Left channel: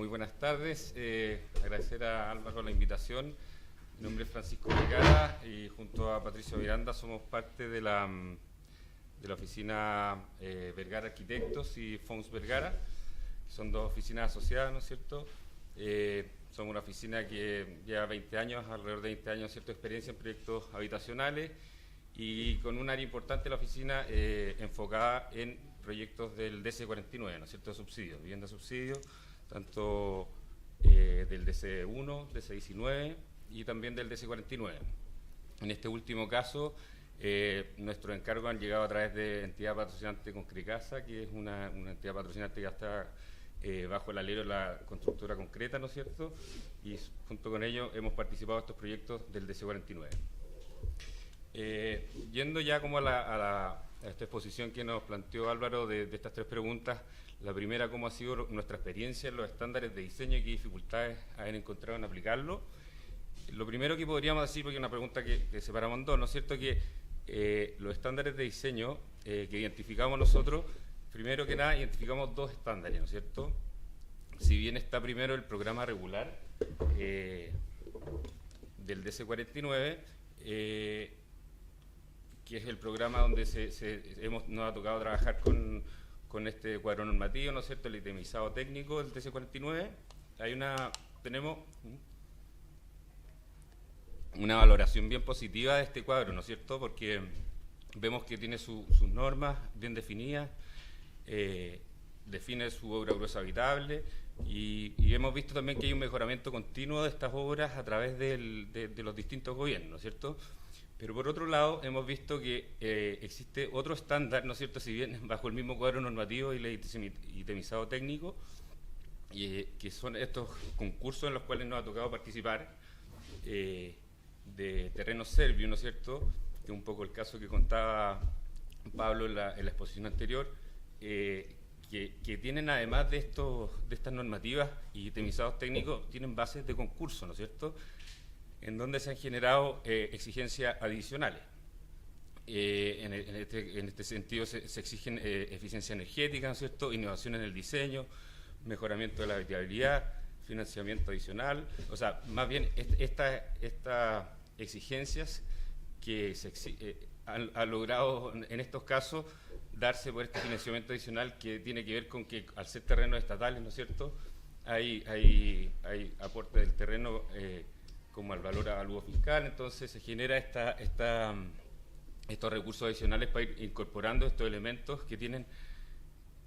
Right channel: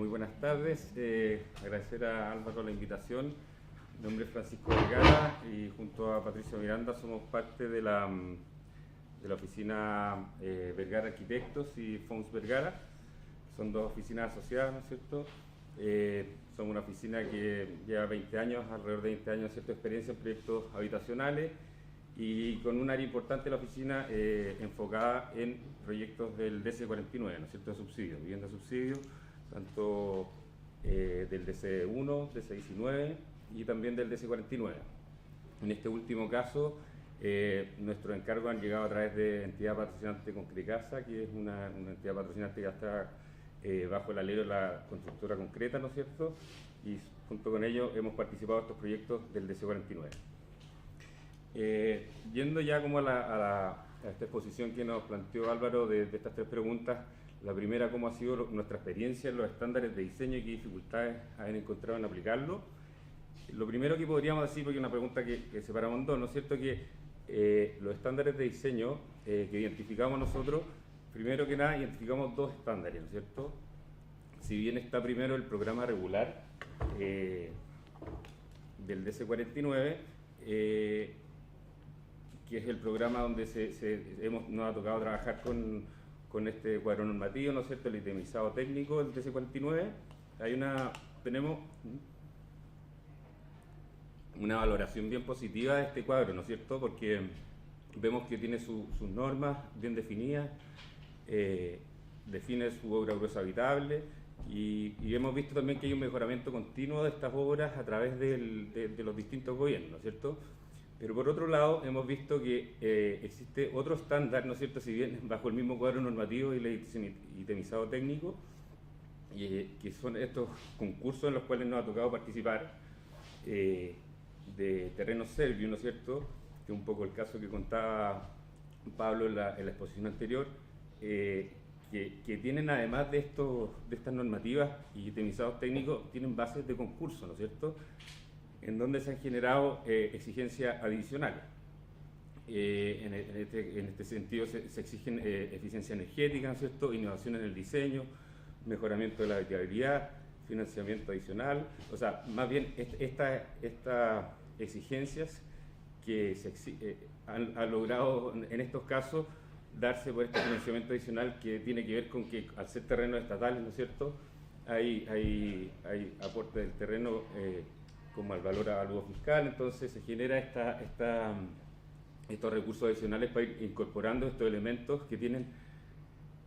Muy buenas tardes. Agradecer a Álvaro la invitación. Mi nombre es Francisco Vergara y junto a Patricio Miranda somos parte de la oficina Vergara Arquitectos y Fons Vergara. Son dos oficinas asociadas, ¿no es cierto? Somos una oficina que lleva 20 años, alrededor de 20 años, ¿cierto?, de experiencia en proyectos habitacionales y con un área importante de la oficina enfocada en proyectos del DC49, ¿no es cierto?, de subsidios, vivienda de subsidios, tanto del DC1, DC19 y también del DC49. En este último caso, nuestros encargos han llegado a través de entidad patrocinante Concrecasa, que es una entidad patrocinante que está bajo el alero de la constructora Concreta, ¿no es cierto? Y junto con ellos hemos participado en estos proyectos del DC49. Yendo ya como a esta exposición que nos planteó Álvaro de estas tres preguntas, la primera, cómo ha sido nuestra experiencia en los estándares de diseño y qué dificultades han encontrado en aplicarlo. Lo primero que podríamos decir, porque es una pregunta que separamos en dos, ¿no es cierto?, que los estándares de diseño que identificamos nosotros, primero que nada identificamos dos estándares, ¿no es cierto? Si bien está primero el programa regular del DC49, que es el programa donde nos ha tocado trabajar con este cuadro normativo, ¿no es cierto?, el itemizado técnico del DC49. Tenemos una valoración bien positiva de este cuadro, ¿no es cierto?, porque vemos que tiene sus normas bien definidas, define su obra gruesa habitable y hemos visto también que hay un mejoramiento continuo de estas obras a través de los distintos gobiernos, ¿no es cierto? Pero por otro lado hemos visto que existe otro estándar, ¿no es cierto?, si bien bajo el mismo cuadro normativo y el itemizado técnico, que son estos concursos en los cuales nos ha tocado participar, de terrenos serbios, ¿no es cierto?, que es un poco el caso que contaba Pablo en la exposición anterior, que tienen, además de estas normativas y itemizados técnicos, tienen bases de concurso, ¿no es cierto?, en donde se han generado exigencias adicionales. En este sentido se exigen eficiencia energética, ¿no es cierto?, innovación en el diseño, mejoramiento de la habitabilidad, financiamiento adicional, o sea, más bien estas exigencias que han logrado en estos casos darse por este financiamiento adicional, que tiene que ver con que al ser terrenos estatales, ¿no es cierto?, hay aporte del terreno como al valor avalúo fiscal, entonces se genera estos recursos adicionales para ir incorporando estos elementos que tienen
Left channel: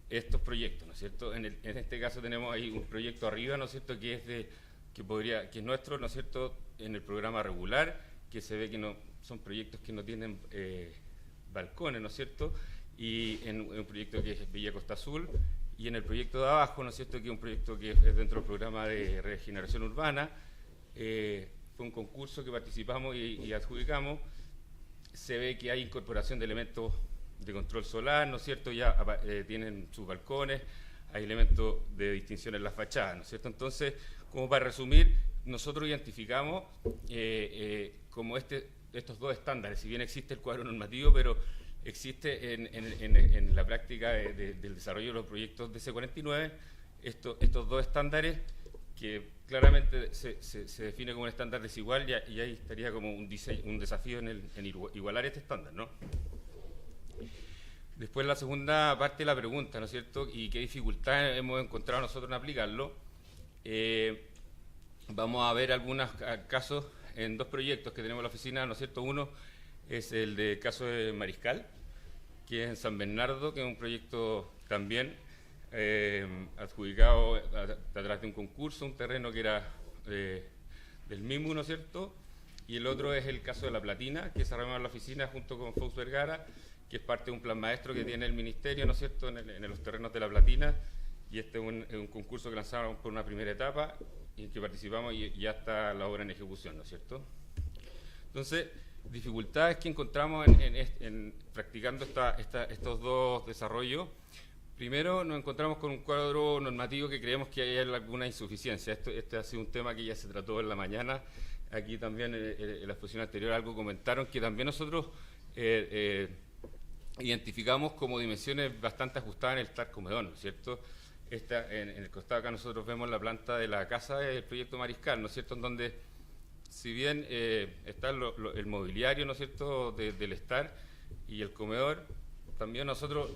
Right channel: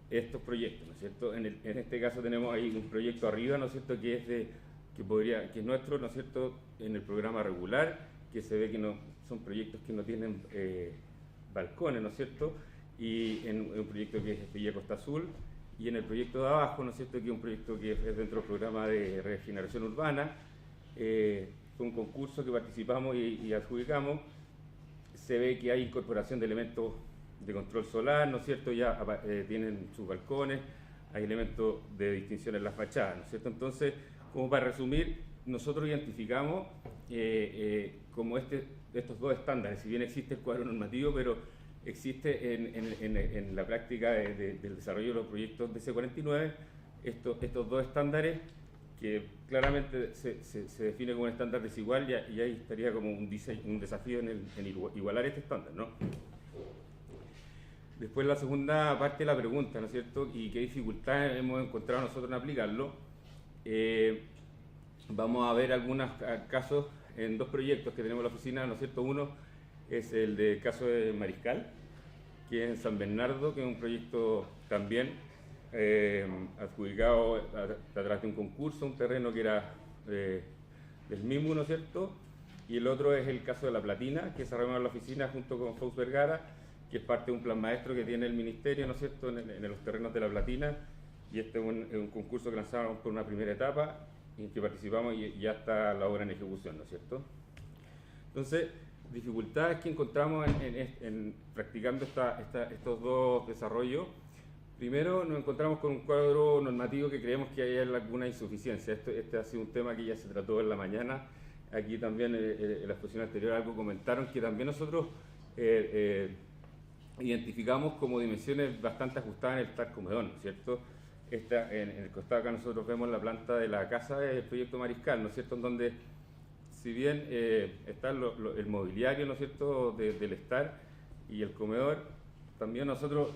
estos proyectos, ¿no es cierto? En este caso tenemos ahí un proyecto arriba, ¿no es cierto?, que es nuestro, ¿no es cierto?, en el programa regular, que se ve que no son proyectos que no tienen balcones, ¿no es cierto?, y en un proyecto que es Villa Costa Azul, y en el proyecto de abajo, ¿no es cierto?, que es un proyecto que es dentro del programa de regeneración urbana. Fue un concurso que participamos y adjudicamos. Se ve que hay incorporación de elementos de control solar, ¿no es cierto?, ya tienen sus balcones, hay elementos de distinción en las fachadas, ¿no es cierto? Entonces, como para resumir, nosotros identificamos como estos dos estándares, si bien existe el cuadro normativo, pero existe en la práctica del desarrollo de los proyectos DC49 estos dos estándares que claramente se define como un estándar desigual, y ahí estaría como un desafío en igualar este estándar, ¿no? Después la segunda parte de la pregunta, ¿no es cierto?, y qué dificultades hemos encontrado nosotros en aplicarlo. Vamos a ver algunos casos en dos proyectos que tenemos en la oficina, ¿no es cierto? Uno es el caso de Mariscal, que es en San Bernardo, que es un proyecto también adjudicado a través de un concurso, un terreno que era del MIMU, ¿no es cierto? Y el otro es el caso de La Platina, que desarrollamos en la oficina junto con Fons Vergara, que es parte de un plan maestro que tiene el Ministerio, ¿no es cierto?, en los terrenos de La Platina, y este es un concurso que lanzamos por una primera etapa, en que participamos y ya está la obra en ejecución, ¿no es cierto? Entonces, dificultades que encontramos en practicando estos dos desarrollos. Primero, nos encontramos con un cuadro normativo que creemos que hay alguna insuficiencia. Este ha sido un tema que ya se trató en la mañana. Aquí también en la exposición anterior algo comentaron, que también nosotros identificamos como dimensiones bastante ajustadas en el TAC Comedón, ¿no es cierto? en el costado acá nosotros vemos la planta de la casa del proyecto Mariscal, ¿no es cierto?, en donde si bien está el mobiliario, ¿no es cierto?, del estar y el comedor, también nosotros,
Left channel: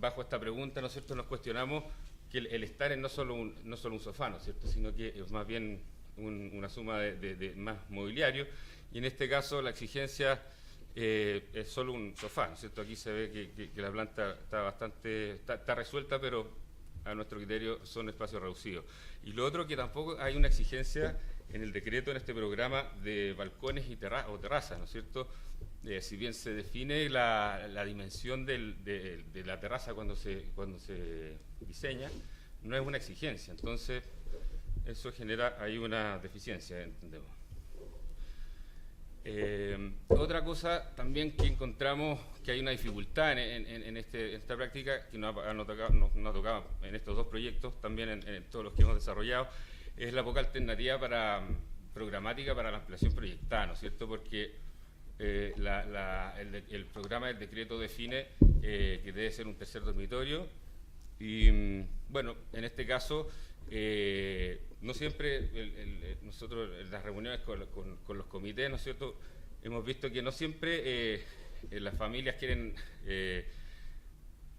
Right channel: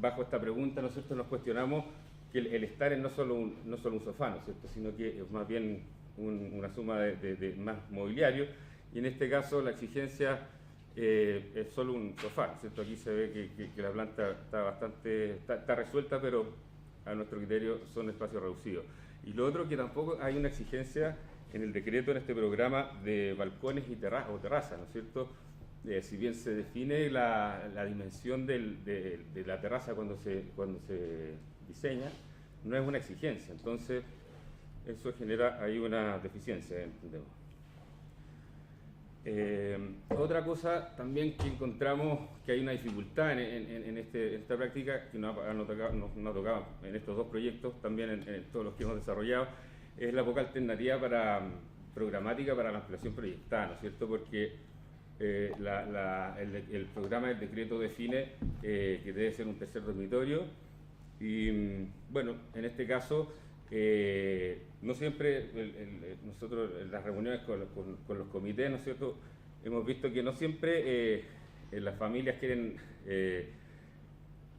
bajo esta pregunta, ¿no es cierto?, nos cuestionamos que el estar es no solo un sofá, ¿no es cierto?, sino que es más bien una suma de más mobiliario, y en este caso la exigencia es solo un sofá, ¿no es cierto? Aquí se ve que la planta está resuelta, pero a nuestro criterio son espacios reducidos. Y lo otro, que tampoco hay una exigencia en el decreto, en este programa, de balcones y terrazas, ¿no es cierto? Si bien se define la dimensión de la terraza cuando se diseña, no es una exigencia. Entonces, eso genera ahí una deficiencia, entendemos. Otra cosa también que encontramos que hay una dificultad en esta práctica, que nos ha tocado en estos dos proyectos, también en todos los que hemos desarrollado, es la poca alternativa programática para la ampliación proyectada, ¿no es cierto? Porque el programa del decreto define que debe ser un tercer dormitorio y, bueno, en este caso, no siempre, nosotros en las reuniones con los comités, ¿no es cierto?, hemos visto que no siempre las familias quieren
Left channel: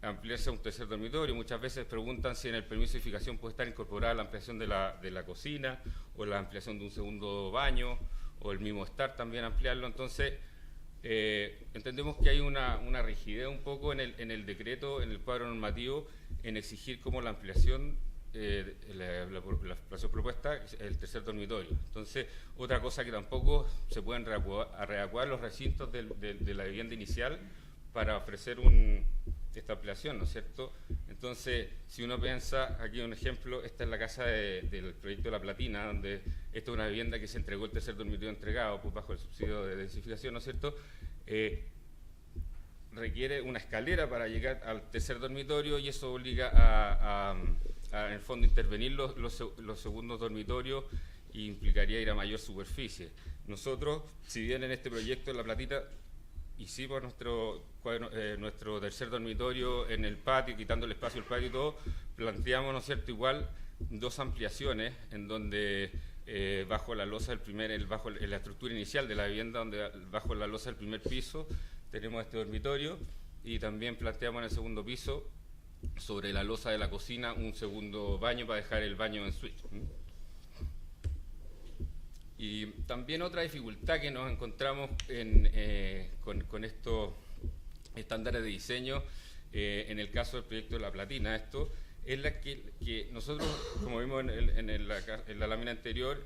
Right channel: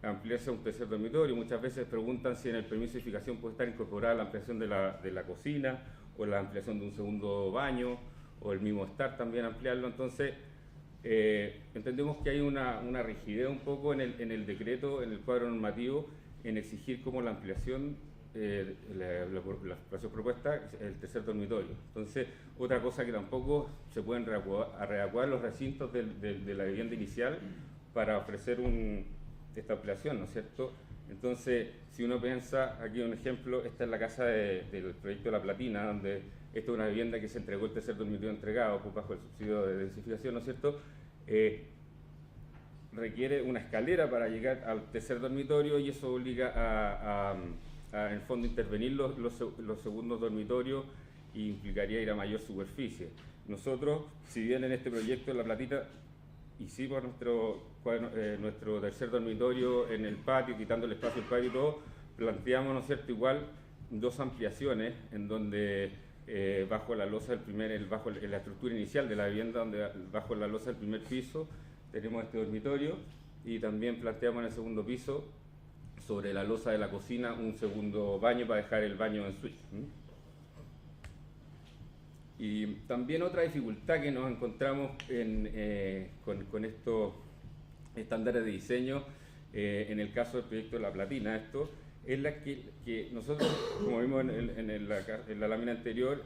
ampliarse a un tercer dormitorio. Muchas veces preguntan si en el permiso de edificación puede estar incorporada la ampliación de la cocina o la ampliación de un segundo baño o el mismo estar también ampliarlo. Entonces, entendemos que hay una rigidez un poco en el decreto, en el cuadro normativo, en exigir como la ampliación, la ampliación propuesta, el tercer dormitorio. Entonces, otra cosa que tampoco se pueden readecuar los recintos de la vivienda inicial para ofrecer esta ampliación, ¿no es cierto? Entonces, si uno piensa, aquí un ejemplo, esta es la casa del proyecto La Platina, donde esta es una vivienda que se entregó, el tercer dormitorio entregado bajo el subsidio de densificación, ¿no es cierto? Requiere una escalera para llegar al tercer dormitorio y eso obliga a en el fondo intervenir los segundos dormitorios e implicaría ir a mayor superficie. Nosotros, si bien en este proyecto en La Platita hicimos nuestro tercer dormitorio en el patio, quitando el espacio del patio y todo, planteamos, ¿no es cierto?, igual dos ampliaciones en donde bajo la losa en la estructura inicial de la vivienda, donde bajo la losa del primer piso tenemos este dormitorio, y también planteamos en el segundo piso, sobre la losa de la cocina, un segundo baño para dejar el baño en suite. Y también otra dificultad que nos encontramos con estos estándares de diseño, en el caso del proyecto de La Platina, es la que nosotros, como vimos en la lámina anterior,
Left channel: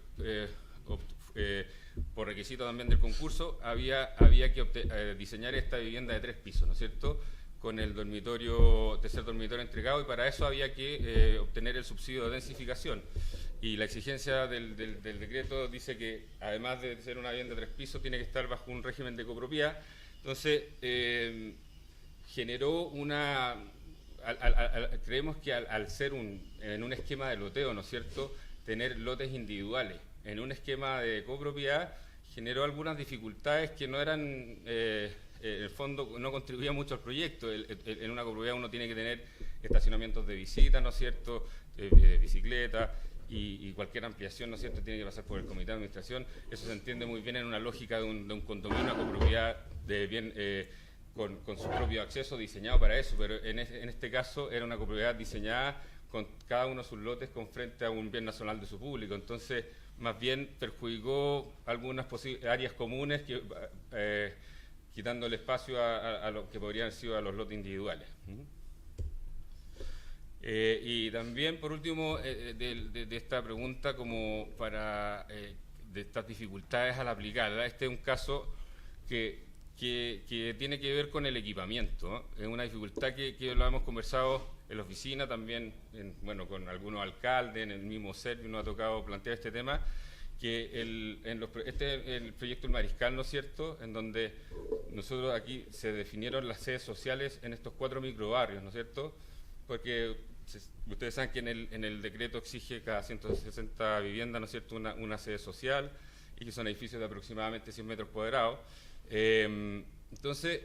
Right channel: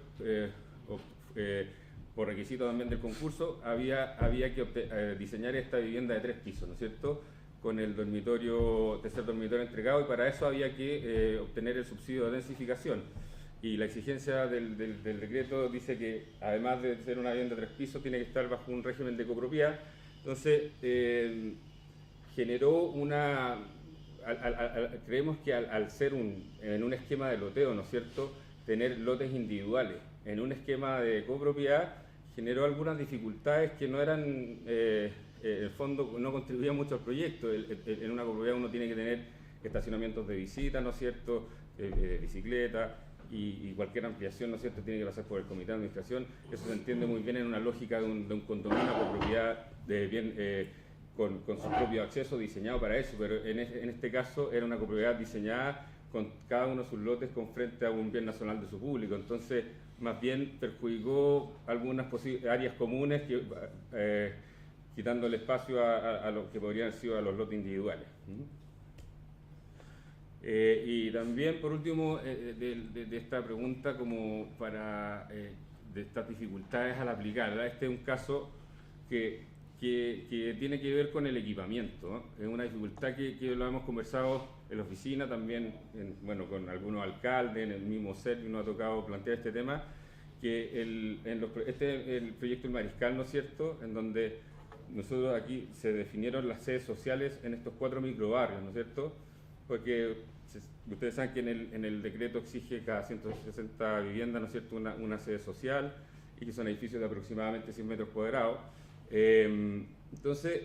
por requisito también del concurso, había que diseñar esta vivienda de 3 pisos, ¿no es cierto?, con el tercer dormitorio entregado, y para eso había que obtener el subsidio de densificación. Y la exigencia del decreto dice que, además de ser una vivienda de 3 pisos, tiene que estar bajo un régimen de copropiedad. Entonces, generó creemos que al ser en un esquema de loteo, ¿no es cierto?, tener lotes individuales en un esquema de copropiedad, generó algunas dificultades que no eran, en el fondo, no contribuían mucho al proyecto. En una copropiedad uno tiene que tener estacionamientos de visita, ¿no es cierto?, bicicleta, y cualquier ampliación, ¿no es cierto?, tiene que pasar por el comité de administración. Eso se entiende muy bien en una lógica de un condominio con propiedad con su propio acceso diseñado para eso, pero en este caso era una copropiedad diseñada con cada uno de sus lotes con frente a un bien nacional de su público. Entonces, más bien perjudicó algunas áreas comunes, quitando el espacio a lo que podrían haber sido a los lotes individuales. Y también, por último, de esta pregunta, como de estas dificultades al aplicarla, este es un caso que tiene que ver con el equipamiento, ¿no? Es una dificultad que lo hemos conversado en la oficina, también con algunos alcaldes, en el mismo CERP nos ha tocado plantear este tema, que el proyecto El Mariscal, ¿no es cierto?, en donde nosotros aquí se definieron las sedes sociales en estos 4 microbarrios, ¿no es cierto?, porque ustedes saben que en el decreto exige cada 160 viviendas, ¿no es cierto?, una sede social, y que son edificios de aproximadamente 100 metros cuadrados. Entonces,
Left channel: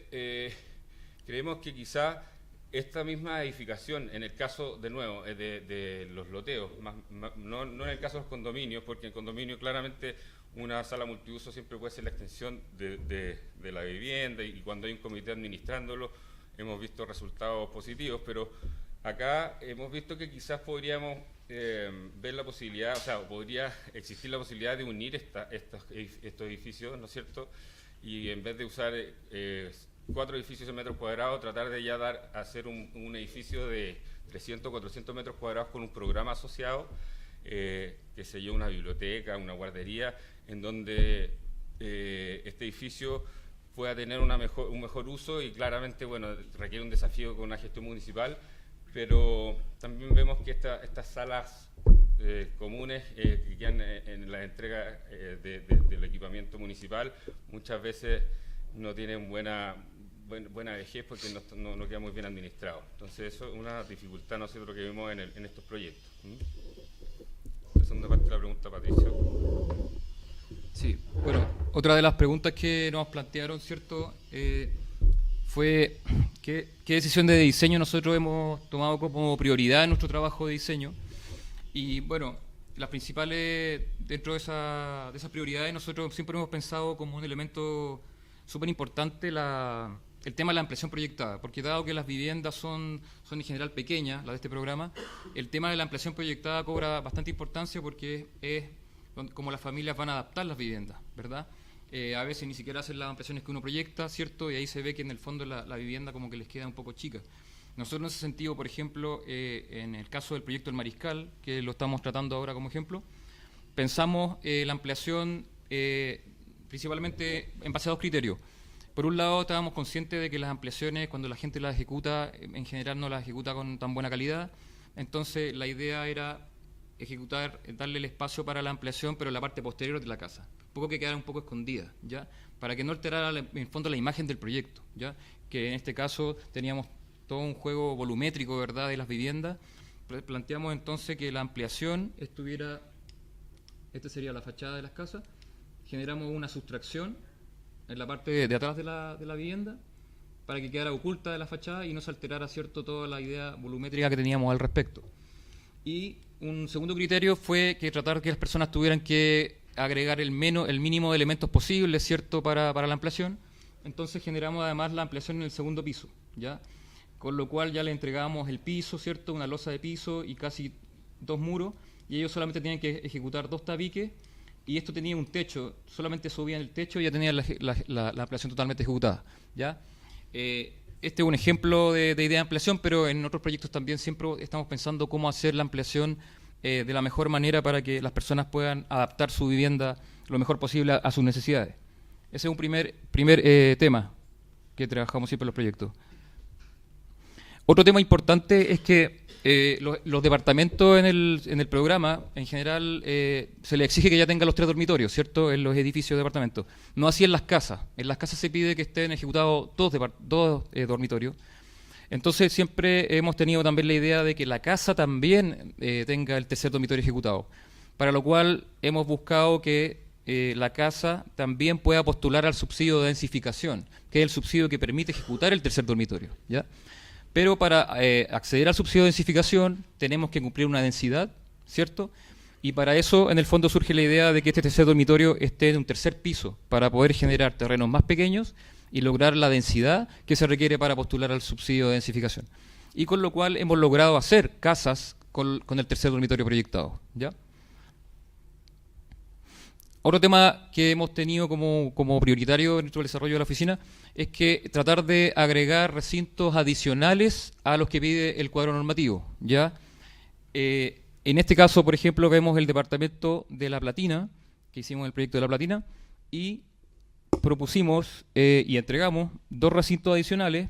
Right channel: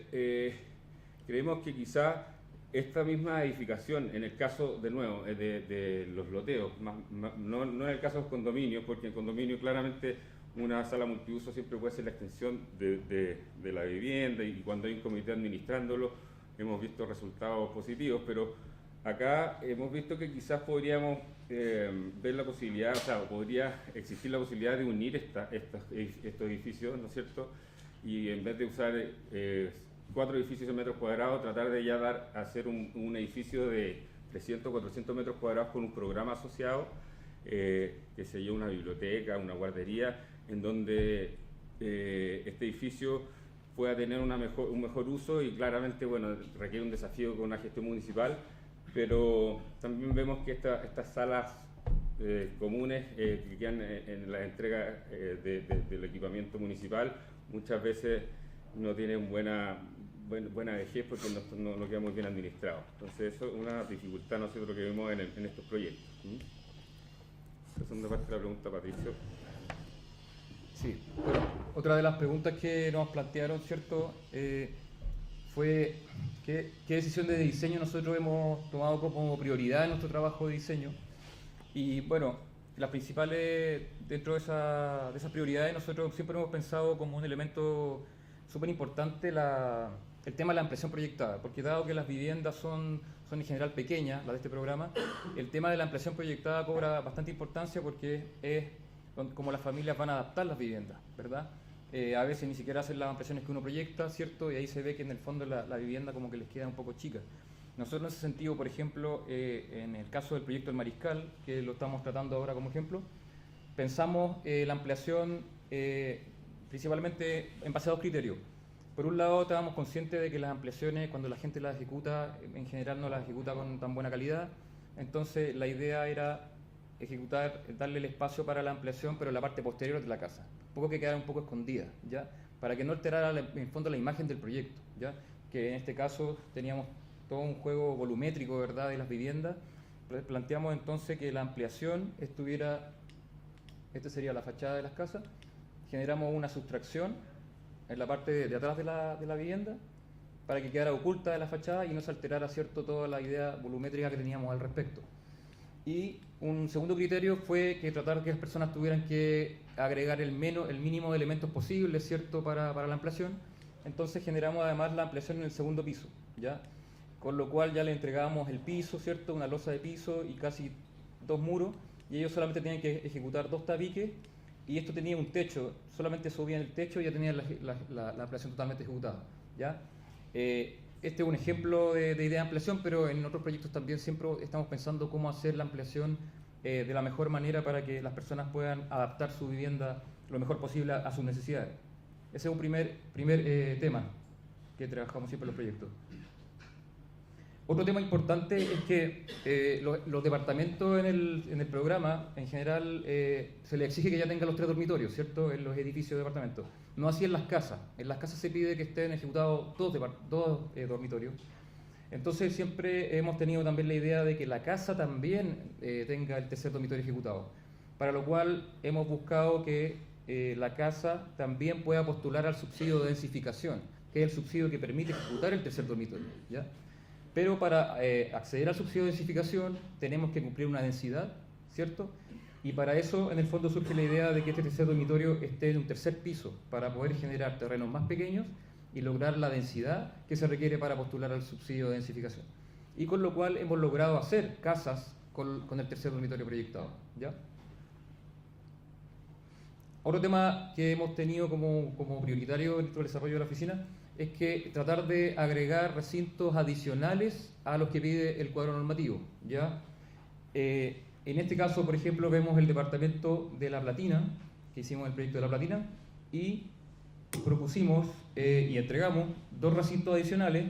creemos que quizá esta misma edificación, en el caso, de nuevo, de los loteos, no en el caso de los condominios, porque en condominio claramente una sala multiuso siempre puede ser la extensión de la vivienda, y cuando hay un comité administrándolo hemos visto resultados positivos, pero acá hemos visto que quizás podríamos ver la posibilidad, o sea, podría existir la posibilidad de unir estos edificios, ¿no es cierto? Y en vez de usar 4 edificios en metros cuadrados, tratar de ya hacer un edificio de 300, 400 metros cuadrados con un programa asociado, que sé yo, una biblioteca, una guardería, en donde este edificio pueda tener un mejor uso, y claramente, bueno, requiere un desafío con una gestión municipal, pero también vemos que estas salas comunes que quedan en la entrega del equipamiento municipal muchas veces no tienen buena vejez porque no queda muy bien administrado. Entonces eso es una dificultad nosotros que vemos en estos proyectos. La segunda parte de la pregunta, Patricio. Sí, bueno, otra de las preguntas que nos plantearon, ¿cierto?, fue qué decisión de diseño nosotros hemos tomado como prioridad en nuestro trabajo de diseño. Y bueno, las principales, dentro de esas prioridades, nosotros siempre hemos pensado como un elemento súper importante el tema de la ampliación proyectada, porque dado que las viviendas son en general pequeñas, las de este programa, el tema de la ampliación proyectada cobra bastante importancia porque es como las familias van a adaptar las viviendas, ¿verdad? A veces ni siquiera hacen las ampliaciones que uno proyecta, ¿cierto? Y ahí se ve que en el fondo la vivienda como que les queda un poco chica. Nosotros en ese sentido, por ejemplo, en el caso del proyecto El Mariscal, que lo estamos tratando ahora como ejemplo, pensamos la ampliación principalmente en base a 2 criterios. Por un lado, estábamos conscientes de que las ampliaciones, cuando la gente las ejecuta, en general no las ejecuta con tan buena calidad. Entonces, la idea era darle el espacio para la ampliación, pero en la parte posterior de la casa. Un poco que quedara un poco escondida, ¿ya? Para que no alterara, en el fondo, la imagen del proyecto, ¿ya? Que en este caso teníamos todo un juego volumétrico, ¿verdad?, de las viviendas. Planteamos entonces que la ampliación estuviera, esta sería la fachada de las casas, generamos una sustracción en la parte de atrás de la vivienda para que quedara oculta de la fachada y no se alterara, ¿cierto?, toda la idea volumétrica que teníamos al respecto. Y un segundo criterio fue que tratar que las personas tuvieran que agregar el mínimo de elementos posibles, ¿cierto?, para la ampliación. Entonces generamos además la ampliación en el segundo piso, ¿ya? Con lo cual ya le entregábamos el piso, ¿cierto?, una losa de piso y casi 2 muros, y ellos solamente tenían que ejecutar 2 tabiques, y esto tenía un techo, solamente subían el techo y ya tenían la ampliación totalmente ejecutada, ¿ya? Este es un ejemplo de idea de ampliación, pero en otros proyectos también siempre estamos pensando cómo hacer la ampliación de la mejor manera para que las personas puedan adaptar su vivienda lo mejor posible a sus necesidades. Ese es un primer tema que trabajamos siempre en los proyectos. Otro tema importante es que los departamentos en el programa, en general, se les exige que ya tengan los 3 dormitorios, ¿cierto?, en los edificios de departamentos. No así en las casas. En las casas se pide que estén ejecutados 2 dormitorios. Entonces siempre hemos tenido también la idea de que la casa también tenga el 3er dormitorio ejecutado, para lo cual hemos buscado que la casa también pueda postular al subsidio de densificación, que es el subsidio que permite ejecutar el 3er dormitorio, ¿ya? Pero para acceder al subsidio de densificación tenemos que cumplir una densidad, ¿cierto? Y para eso, en el fondo, surge la idea de que este 3er dormitorio esté en un 3er piso, para poder generar terrenos más pequeños y lograr la densidad que se requiere para postular al subsidio de densificación. Y con lo cual hemos logrado hacer casas con el 3er dormitorio proyectado, ¿ya? Otro tema que hemos tenido como prioritario dentro del desarrollo de la oficina es que tratar de agregar recintos adicionales a los que pide el cuadro normativo, ¿ya? En este caso, por ejemplo, vemos el departamento de La Platina, que hicimos el proyecto de La Platina, y propusimos y entregamos 2 recintos adicionales.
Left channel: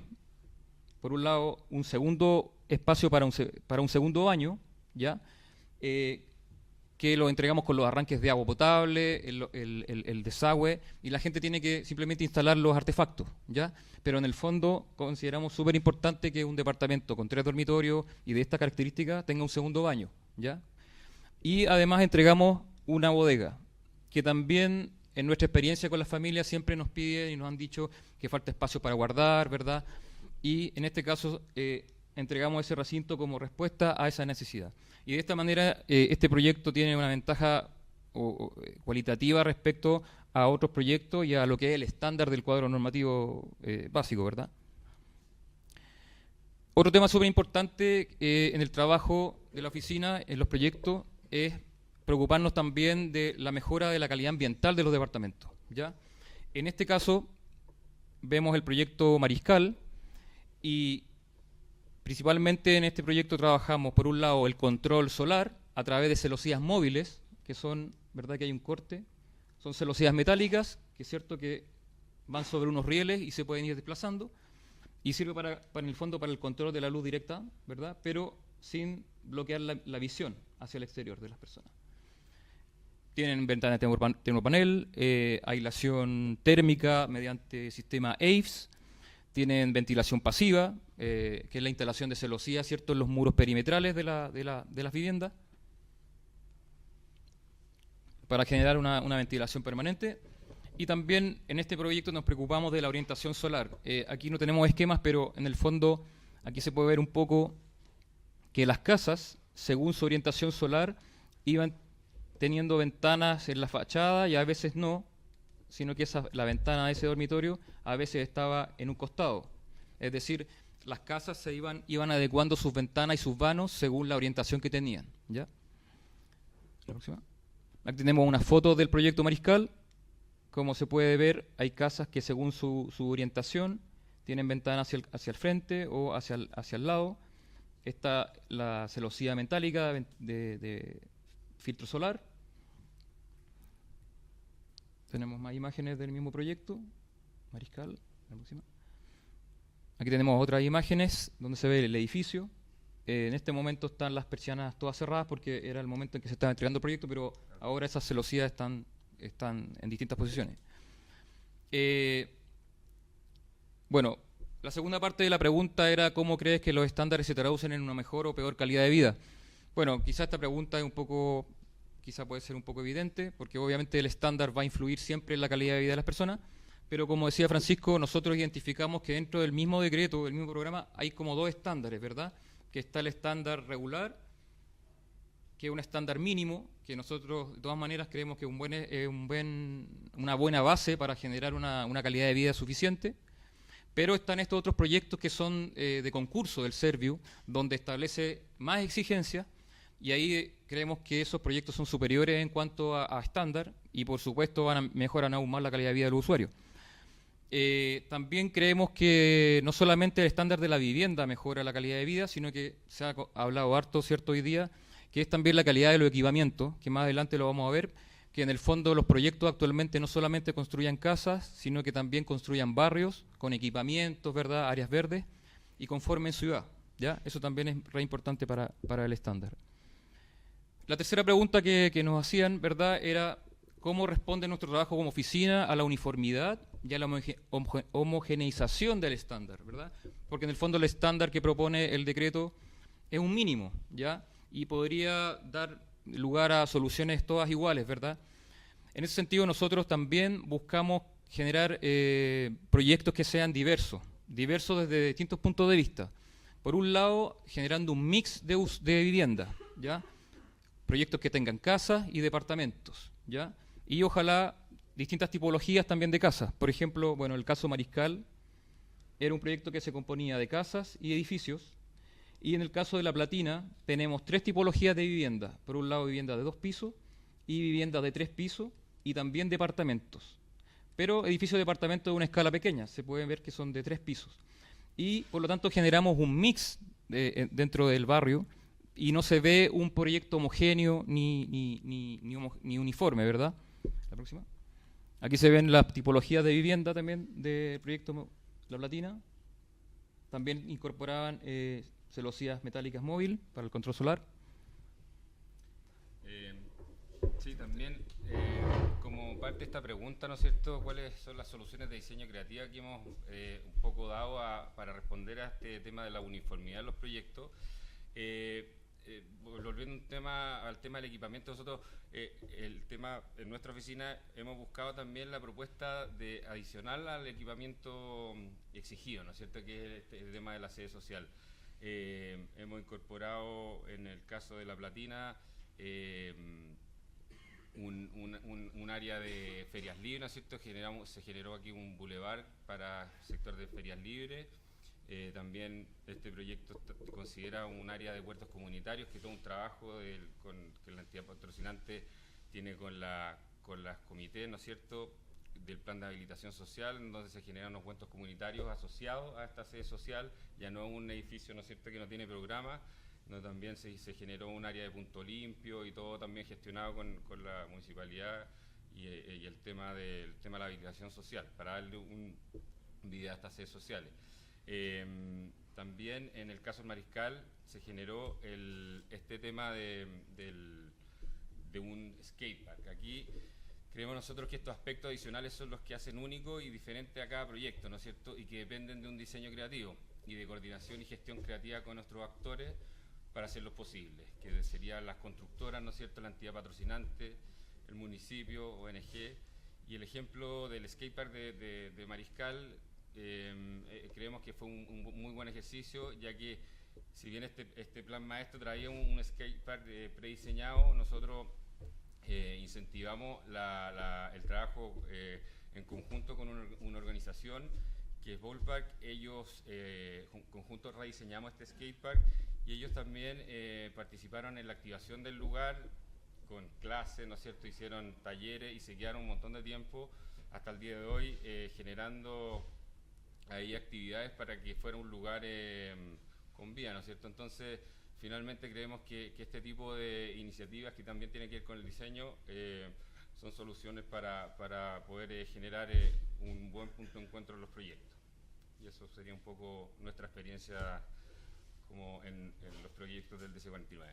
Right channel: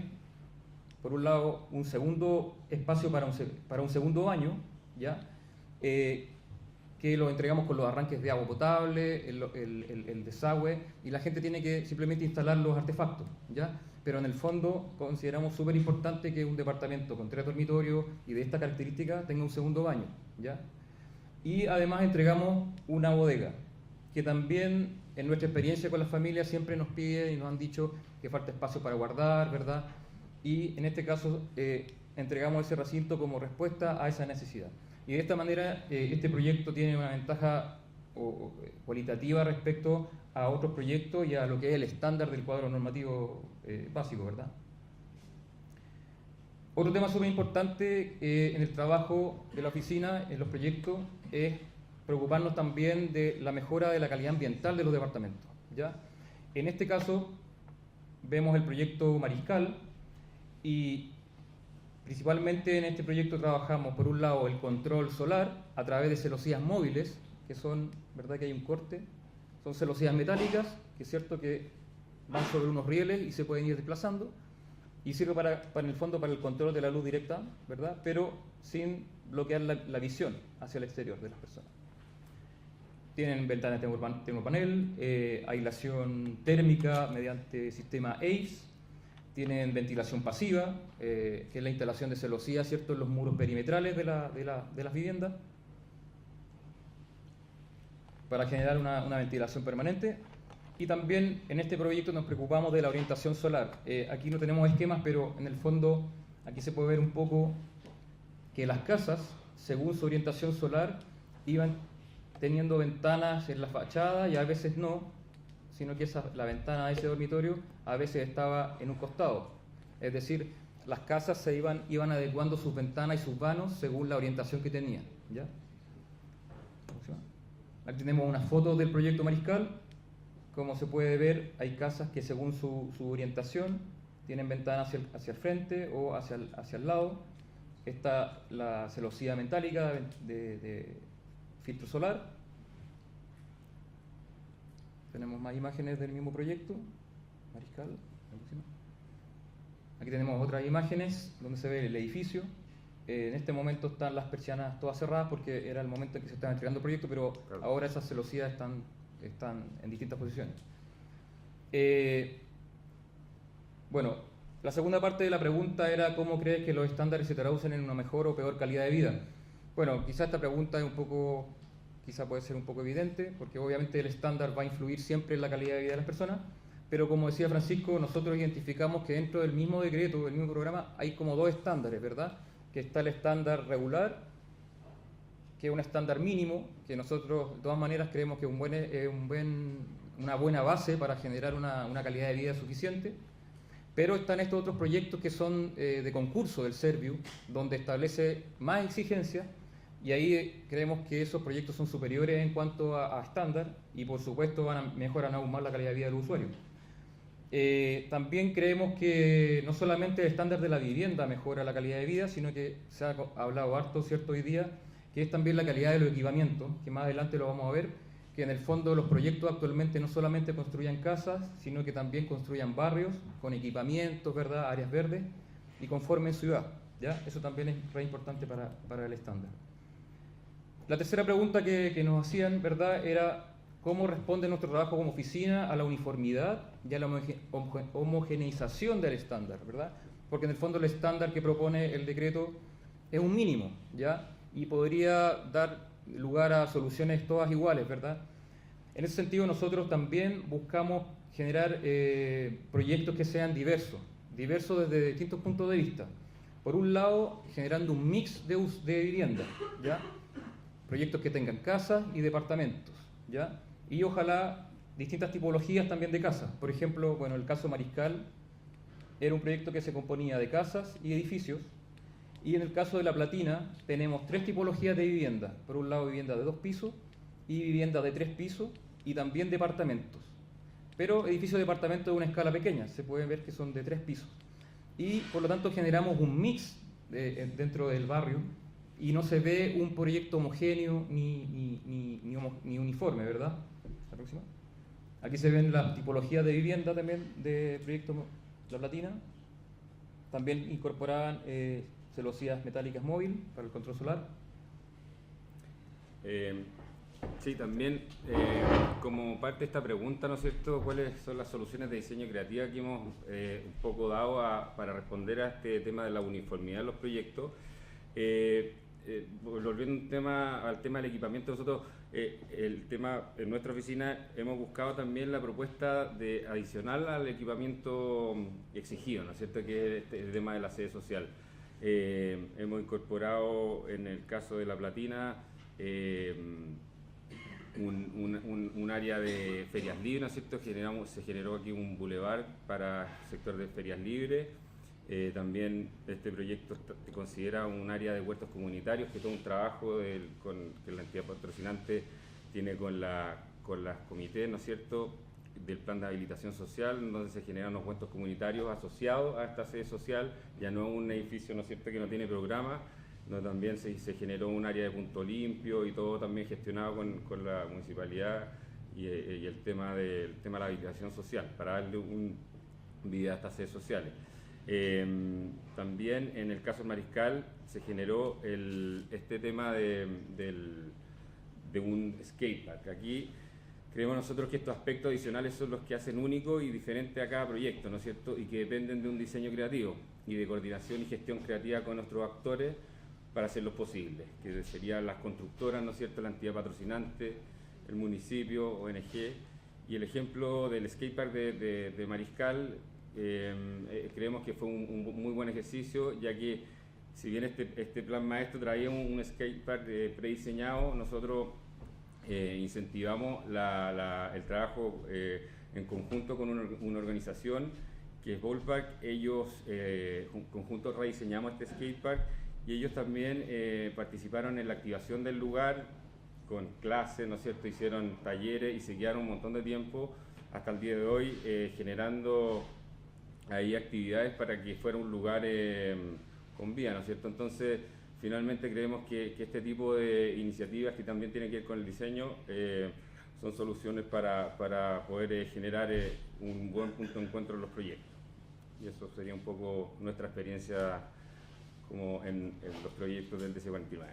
Por un lado, un segundo espacio para un segundo baño, ¿ya? Que lo entregamos con los arranques de agua potable, el desagüe, y la gente tiene que simplemente instalar los artefactos, ¿ya? Pero en el fondo consideramos súper importante que un departamento con 3 dormitorios y de esta característica tenga un segundo baño, ¿ya? Y además entregamos una bodega, que también en nuestra experiencia con las familias siempre nos piden y nos han dicho que falta espacio para guardar, ¿verdad? y en este caso entregamos ese recinto como respuesta a esa necesidad. Y de esta manera este proyecto tiene una ventaja cualitativa respecto a otros proyectos y a lo que es el estándar del cuadro normativo básico, ¿verdad? Otro tema súper importante en el trabajo de la oficina, en los proyectos, es preocuparnos también de la mejora de la calidad ambiental de los departamentos, ¿ya? En este caso, vemos el proyecto Mariscal y principalmente en este proyecto trabajamos, por un lado, el control solar a través de celosías móviles, que son, ¿verdad que hay un corte? Son celosías metálicas, que es cierto que van sobre unos rieles y se pueden ir desplazando, y sirve en el fondo para el control de la luz directa, ¿verdad? Pero sin bloquear la visión hacia el exterior de las personas. Tienen ventanas de termopanel, aislación térmica mediante sistema AVES, tienen ventilación pasiva, que es la instalación de celosías, ¿cierto?, en los muros perimetrales de las viviendas, para generar una ventilación permanente. Y también en este proyecto nos preocupamos de la orientación solar. Aquí no tenemos esquemas, pero en el fondo aquí se puede ver un poco que las casas, según su orientación solar, iban teniendo ventanas en la fachada y a veces no, sino que la ventana de ese dormitorio a veces estaba en un costado. Es decir, las casas se iban adecuando sus ventanas y sus vanos según la orientación que tenían, ¿ya? Aquí tenemos una foto del proyecto Mariscal. Como se puede ver, hay casas que según su orientación tienen ventanas hacia el frente o hacia el lado. Está la celosía metálica de filtro solar. Tenemos más imágenes del mismo proyecto, Mariscal. Aquí tenemos otras imágenes donde se ve el edificio. En este momento están las persianas todas cerradas porque era el momento en que se estaba entregando el proyecto, pero ahora esas celosías están en distintas posiciones. Bueno, la segunda parte de la pregunta era ¿cómo crees que los estándares se traducen en una mejor o peor calidad de vida? Bueno, quizá esta pregunta es quizá puede ser un poco evidente, porque obviamente el estándar va a influir siempre en la calidad de vida de las personas, pero como decía Francisco, nosotros identificamos que dentro del mismo decreto, del mismo programa, hay como dos estándares, ¿verdad? Que está el estándar regular, que es un estándar mínimo, que nosotros de todas maneras creemos que es una buena base para generar una calidad de vida suficiente, pero están estos otros proyectos que son de concurso del Serviu, donde establece más exigencias, y ahí creemos que esos proyectos son superiores en cuanto a estándar, y por supuesto mejoran aún más la calidad de vida del usuario. También creemos que no solamente el estándar de la vivienda mejora la calidad de vida, sino que se ha hablado harto, ¿cierto?, hoy día, que es también la calidad de los equipamientos, que más adelante lo vamos a ver, que en el fondo los proyectos actualmente no solamente construyan casas, sino que también construyan barrios con equipamientos, ¿verdad?, áreas verdes, y conformen ciudad, ¿ya? Eso también es re importante para el estándar. La tercera pregunta que nos hacían, ¿verdad?, era cómo responde nuestro trabajo como oficina a la uniformidad y a la homogeneización del estándar, ¿verdad? Porque en el fondo el estándar que propone el decreto es un mínimo, ¿ya? Y podría dar lugar a soluciones todas iguales, ¿verdad? En ese sentido nosotros también buscamos generar proyectos que sean diversos desde distintos puntos de vista. Por un lado, generando un mix de viviendas, ¿ya? Proyectos que tengan casas y departamentos, ¿ya? Y ojalá distintas tipologías también de casas. Por ejemplo, bueno, el caso Mariscal era un proyecto que se componía de casas y edificios, y en el caso de La Platina tenemos tres tipologías de vivienda. Por un lado, viviendas de 2 pisos y viviendas de 3 pisos y también departamentos. Pero edificios de departamentos de una escala pequeña, se pueden ver que son de 3 pisos. Y por lo tanto generamos un mix dentro del barrio y no se ve un proyecto homogéneo ni uniforme, ¿verdad? La próxima. Aquí se ven las tipologías de vivienda también del proyecto La Platina. También incorporaban celosías metálicas móvil para el control solar. Sí, también como parte de esta pregunta, ¿no es cierto?, ¿cuáles son las soluciones de diseño creativa que hemos un poco dado para responder a este tema de la uniformidad de los proyectos? volviendo al tema del equipamiento, nosotros en nuestra oficina hemos buscado también la propuesta de adicional al equipamiento exigido, ¿no es cierto?, que es el tema de la sede social. Hemos incorporado en el caso de La Platina un área de ferias libres, ¿no es cierto? Se generó aquí un bulevar para el sector de ferias libres. También este proyecto considera un área de huertos comunitarios, que todo un trabajo que la entidad patrocinante tiene con las comités, ¿no es cierto?, del plan de habilitación social, donde se generan unos huertos comunitarios asociados a esta sede social, ya no un edificio, ¿no es cierto?, que no tiene programa, no, también se generó un área de punto limpio y todo también gestionado con la municipalidad y el tema de la habilitación social, para darle vida a estas sedes sociales. También en el caso del Mariscal se generó este tema de un skatepark. Aquí creemos nosotros que estos aspectos adicionales son los que hacen único y diferente a cada proyecto, ¿no es cierto?, y que dependen de un diseño creativo y de coordinación y gestión creativa con nuestros actores para hacerlos posibles, que serían las constructoras, ¿no es cierto?, la entidad patrocinante, el municipio, ONG. Y el ejemplo del skatepark de Mariscal, creemos que fue un muy buen ejercicio, ya que si bien este plan maestro traía un skatepark prediseñado, nosotros incentivamos el trabajo en conjunto con una organización que es Ballpark. Ellos conjuntos rediseñamos este skatepark y ellos también participaron en la activación del lugar con clases, ¿no es cierto?, hicieron talleres y se quedaron un montón de tiempo hasta el día de hoy generando ahí actividades para que fuera un lugar con vida, ¿no es cierto? Entonces, finalmente creemos que este tipo de iniciativas que también tienen que ver con el diseño son soluciones para poder generar un buen punto de encuentro en los proyectos. Y eso sería un poco nuestra experiencia como en los proyectos del DC49.